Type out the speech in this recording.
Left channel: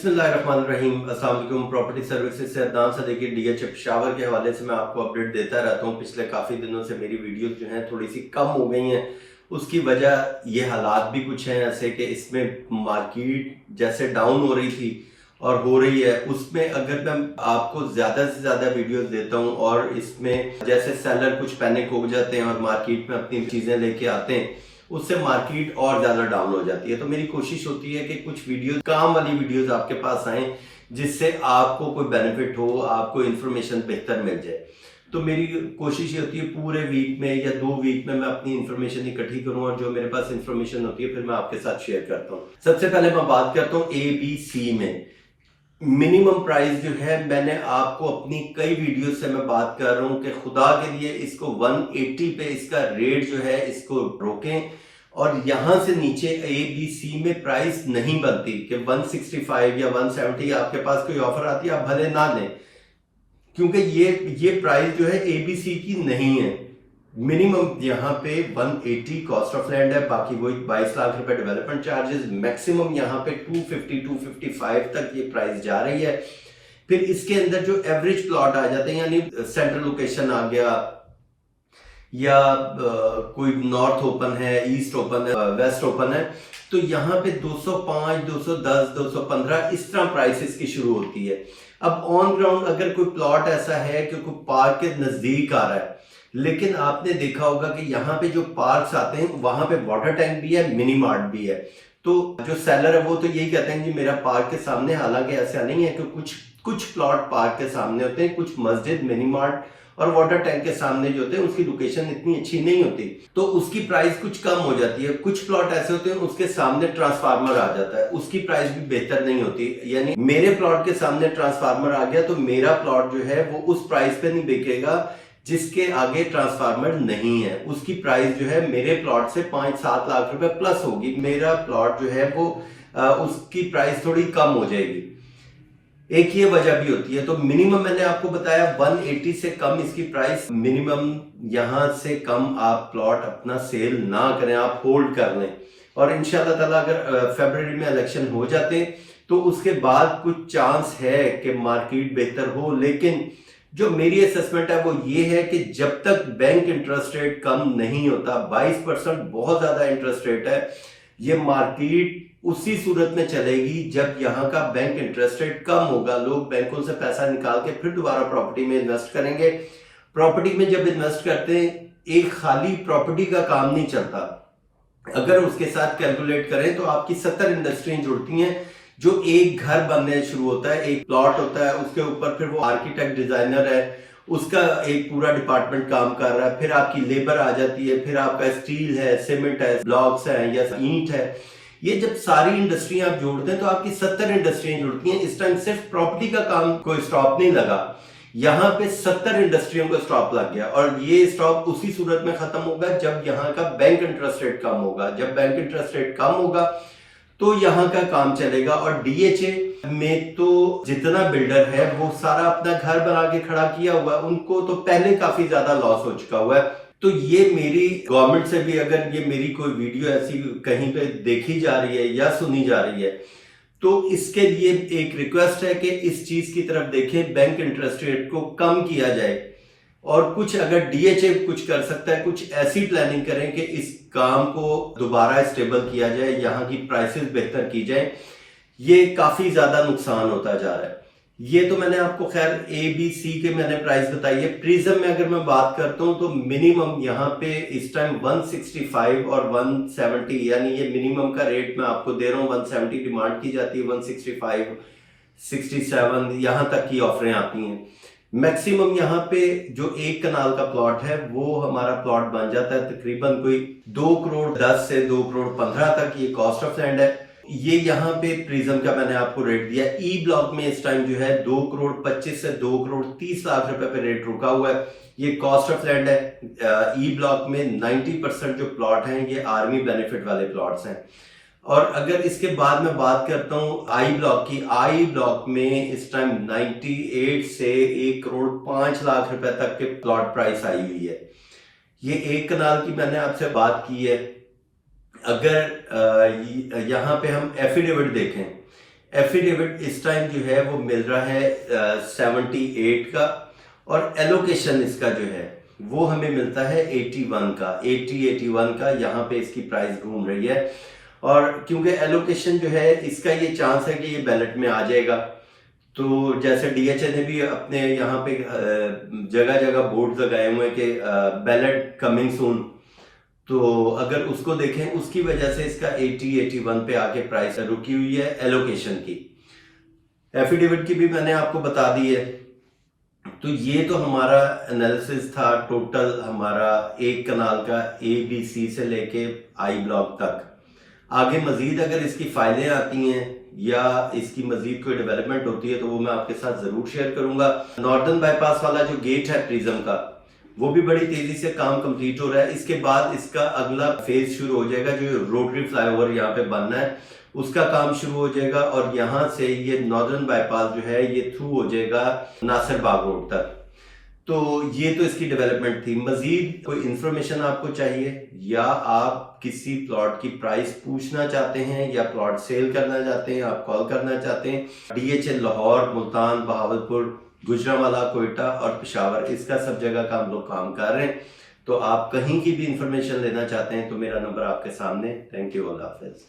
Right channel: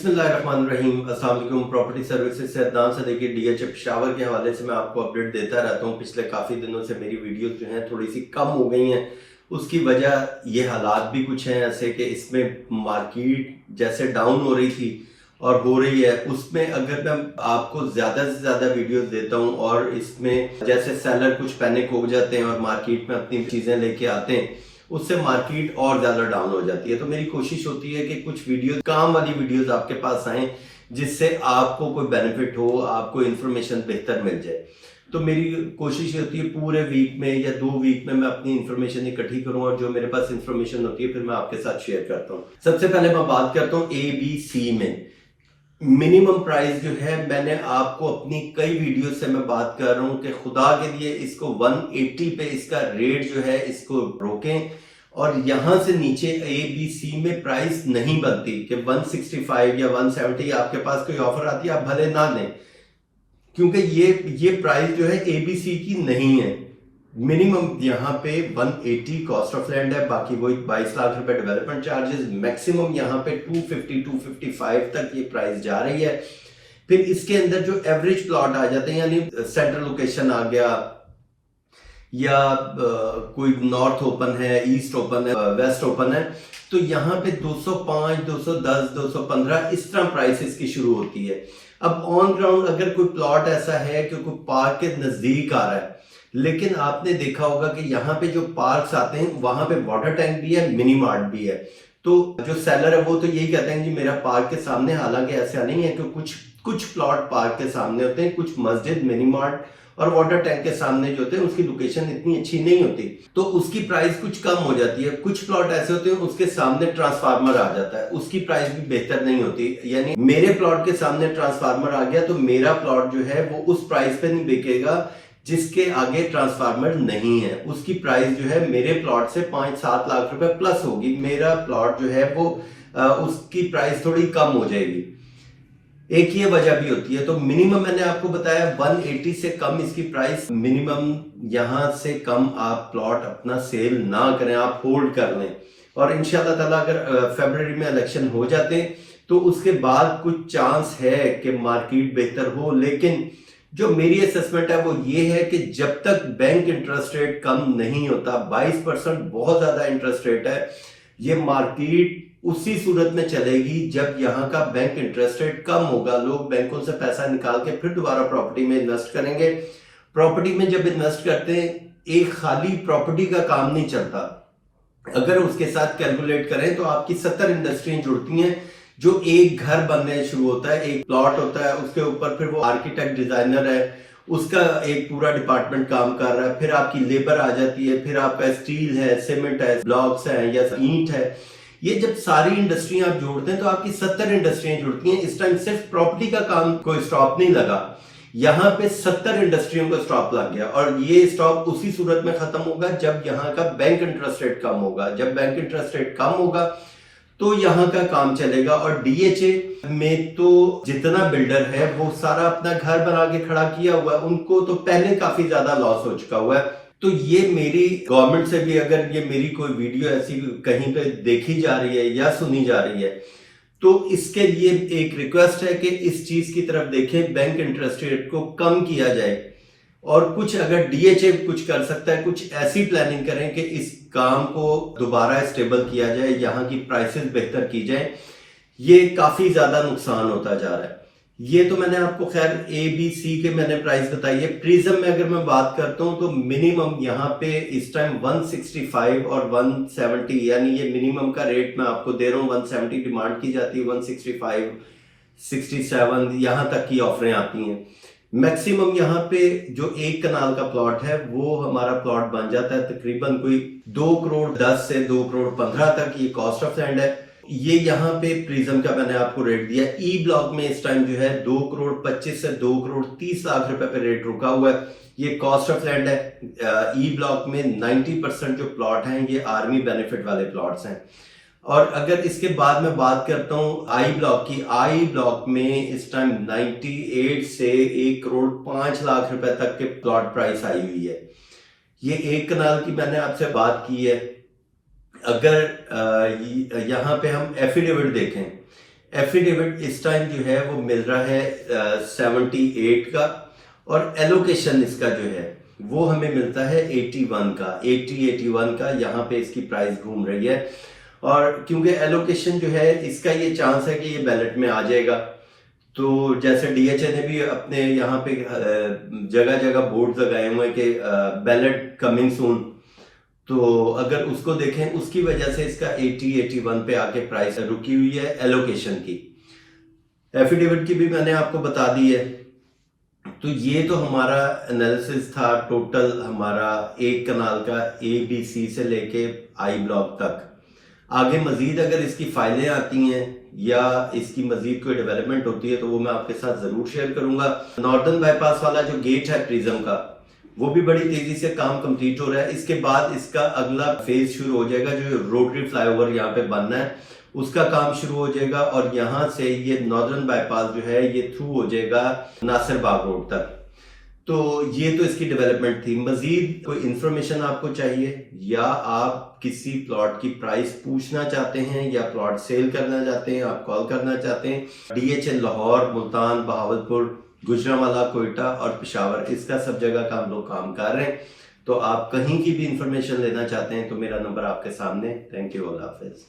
बिस्मिल्लाहिर्रहमानिर्रहीम। अस्सलाम वालेकुम। प्रॉपर्टी सर्विसेज से अदनान सदीकी डीएच पेशावर के हवाले से मैं आपको अपडेट देता रहता हूँ। पिछले काफ़ी दिनों से मेरी वीडियोस जो हैं थोड़ी सी कम हो गई हैं। उसकी वजह ये हालात भी कुछ हैं ऐसे कि इसमें मार्केट जैसे डाउन हो रही थी और हो रही है, उसमें अगर मैं आपको ज़्यादा से ज़्यादा वीडियोस देता हूँ और इसमें जैसे सेलर कुछ पैनिक हो जाते हैं और मार्केट में अपनी चीज़ें लेके आते हैं, उससे मार्केट और ज़्यादा डाउन हो जाती है। तो मेरी कोशिश होती है कि कुछ वीडियोस, काम वाली वीडियोस आपके पास आएँ जिससे आपको कोई बेनिफिट हो, आपको इन्फॉर्मेशन बेहतर मिल जाए। तो मेरी कोशिश ये होती है पूरे वीक में या 2 वीक में मैं अपनी इन्फॉर्मेशन इकट्ठी करूं और जो मेरे पास इन्फॉर्मेशन होती है फिर मैं आपके साथ शेयर करता हूं। सबसे पहले मैं बात करता हूं ABC में मिनिमम प्राइस जो है, मैंने आपको अपनी कई वीडियो से मैं बात कर रहा हूं कि खुदा के लिए इसको 180 पे इसका रेट जो है इसको रोकें और यहां से नीचे ABC में प्राइस नहीं बनती कि 165 या 170 आपके पास कोई ऑफर आती है आप भले ना लें, क्योंकि ये प्राइस जो है ABC की नहीं है। मिनिमम यहाँ पे 180 कॉस्ट ऑफ लैंड है, बाकी वही 22 लाख रुपए डेवलपमेंट चार्जेस, मैक्सिमम यहाँ पे 250 255 तक ये प्राइस जा रही है। फिर इसके अंदर जो एवरेज प्लॉट आ जाते हैं, यानी सेंट्रल लोकेशन आ गया या कोई नॉर्थ ओपन है, ईस्ट ओपन है, वेस्ट ओपन है, तो यहाँ पे 205 210 215 इस तरह प्राइसेस की शुरू होती है। अब ऑन ग्राउंड अगर कोई प्लॉट ऐसा है कि कोई पार्क के नजदीक आ रहा है, लेकिन आपने देखा होगा कि यहाँ पे जो पार्क्स आते हैं वहां पे वाटर टैंक भी है, मिनी मार्ट भी है, तो जो सेलर है वो तो यही कहते हैं कि मेरा पार्क के सामने, हालांकि ऐसा नहीं है कि कुछ प्लॉट पार्क के सामने होते हैं, कुछ मस्जिद, मिनी मार्ट और वाटर टैंक के सामने जो होते हैं उसकी लोकेशन इतनी अच्छी नहीं होती, तो उसकी प्राइस कुछ कम हो जाती है। कुछ प्लॉट ऐसे होते हैं उसके सामने ट्रांसफार्मर आ जाता है, उसकी प्राइस भी बेहतर नहीं होती। यानी मेरे प्लॉट के सामने ट्रांसफार्मर आ गया तो मेरा प्लॉट जो है वो उस प्राइस पे नहीं बिकेगा जिसके आगे ट्रांसफार्मर नहीं है, उसकी प्राइस जो है मेरे प्लॉट से 5-7 लाख रुपए प्लस होगी। मेरा प्लॉट जो है वो उसकी प्राइस थोड़ी कम हो जाएगी। एक ये वजह भी होती है। तो मिनिमम मैंने आपको बताया 180 से कम इसकी प्राइस, मिनिमम यहां से कम आप प्लॉट अपना सेल ना करें, आप होल्ड कर लें। और इंशाल्लाह ताला अगर फरवरी में इलेक्शन हो जाते तो उसके बाद कुछ चांस है कि मार्केट बेहतर हो, लेकिन जो मेरी असेसमेंट है वो ये है कि जब तक बैंक इंटरेस्ट रेट कम नहीं होता, 22% बहुत ज्यादा इंटरेस्ट रेट है, ये मार्केट उसी सूरत में चलेगी जब यहाँ का बैंक इंटरेस्ट रेट कम होगा। लोग बैंकों से पैसा निकाल के फिर दोबारा प्रॉपर्टी में इन्वेस्ट करेंगे। प्रॉपर्टी में जब इन्वेस्ट करते हैं, एक खाली प्रॉपर्टी का काम नहीं चलता। अगर उसके साथ कैलकुलेट करें तो आपकी 70 इंडस्ट्रियां जुड़ती हैं। जो एक घर बनने शुरू होता है, एक प्लॉट होता है, उसके ऊपर फिर वो आर्किटेक्ट, डिजाइनर है, उसका एक पूरा डिपार्टमेंट काम कर रहा है, फिर आपकी लेबर आ जाती है, फिर आपका स्टील है, सीमेंट है, ब्लॉक्स है या ईंट है। ये जब सारी इंडस्ट्री आप जोड़ते हैं तो आपकी 70 इंडस्ट्रियां जुड़ती हैं। इस टाइम सिर्फ प्रॉपर्टी का काम कोई स्टॉप नहीं लगा, यहाँ पे 70 इंडस्ट्रियों को स्टॉप लग गया और ये स्टॉप उसी सूरत में खत्म होगा जब यहाँ का बैंक इंटरेस्ट रेट कम होगा। जब बैंक इंटरेस्ट रेट कम होगा तो यहाँ का काम चलेगा। और DHA में तो जितना बिल्डर है वो सारा अपना घर बना के खड़ा किया हुआ है, उनको तो पहले काफी ज्यादा लॉस हो चुका हुआ है। तो ये मेरी गवर्नमेंट से भी, अगर ये मेरी कोई वीडियो ऐसी कहीं पे देखी जा रही है या सुनी जा रही है, तो इसके लिए एक रिक्वेस्ट है कि इस चीज की तरफ देखें, बैंक इंटरेस्ट रेट को कम किया जाए और कुछ अगर DHA कुछ कर सकता है, कुछ ऐसी प्लानिंग करें कि इस काम को दोबारा स्टेबल किया जाए, यहाँ की प्राइसेस बेहतर की जाए। ये काफी ज्यादा नुकसान होता जा रहा है। ये तो मैंने आपको खैर ABC के मैंने प्राइस बताई है। प्रिज्म में अगर मैं बात करता हूं तो मिनिमम यहाँ पे इस टाइम 165 और 170, यानी ये मिनिमम का रेट मैं आपको दे रहा हूँ। 170 डिमांड की जाती है, 165 67 यहाँ तक की ऑफरें आती हैं। मैक्सिमम यहाँ पे जो 1 कनाल का प्लॉट है वो हमारा प्लॉट बन जाता है तकरीबन कोई 2 करोड़ 10 से 2 करोड़ 15 तक ये कॉस्ट ऑफ लैंड है। ये यहाँ पे प्रिज्म का मैंने आपको रेट दिया। ई ब्लॉक में इस टाइम जो है 2 करोड़ 25 से 2 करोड़ 30 लाख रुपए पे रेट रुका हुआ है, ये कॉस्ट ऑफ लैंड है। ई ब्लॉक में 90% जो प्लॉट हैं ये आर्मी बेनिफिट वाले प्लॉट्स हैं। और अगर इसके बाद मैं बात करता हूँ आई ब्लॉक की, आई ब्लॉक में इस टाइम 98 से 1 करोड़ 5 लाख रुपए तक के प्लॉट प्राइस आई हुई है। ये 1 कनाल की मैंने आपसे बात की है। अगर यहाँ पे हम एफिडेविट देखें, एफिडेविट इस टाइम जो है वो मिल रहा है 78 का, और एलोकेशन इसका जो है वो हमें मिलता है 81 का, 81 का यहाँ पे इसकी प्राइस घूम रही है। और क्योंकि एलोकेशन जो है इसका ये चांस है कि ये बैलेट में आ जाएगा, तो जैसे डीएचए ने भी अपने यहाँ पे जगह जगह बोर्ड लगाए हुए हैं कि बैलेट कमिंग सून, तो अगर उसको देखें उसकी वजह से इसका 81 पे आके प्राइस रुकी हुई है एलोकेशन की। एफिडेविट की भी मैंने आपको बता दी है। तो ये तो हमारा एनालिसिस था टोटल हमारा एक कनाल का ABC से लेके आई ब्लॉक तक। आगे मजीद अगर इसकी फाइलें आती हैं या इसकी मजीद कोई डेवलपमेंट होती है तो वो मैं आपके साथ जरूर शेयर करूंगा। नॉर्दर्न बाईपास वाला जो गेट है प्रिज्म का, वो भी बड़ी तेजी से काम कंप्लीट हो रहा है। इसके बाद इसका अगला फेज शुरू हो जाएगा, जो रोटरी फ्लाईओवर यहाँ पे बनना है उसका काम शुरू हो जाएगा, और यहाँ से ये नॉर्दर्न बाईपास जो है ये थ्रू हो जाएगा नासिर बाग रोड तक। तो ये तो इसकी डेवलपमेंट थी। मजीद कोई इंफॉर्मेशन आपको चाहिए या आप किसी प्लॉट की प्राइस पूछना चाहते हैं या प्लॉट सेल करना चाहते हैं, आप कॉल करना चाहते हैं, डीएचए लाहौर, मुल्तान, बहावलपुर, गुजरांवाला, कोयटा और पेशावर, इसका सब जगह का हम लोग काम कर रहे हैं। तो आप कहीं की भी इंफॉर्मेशन लेना चाहते हैं तो मेरा नंबर आपके सामने। Thank you, Allah Hafiz.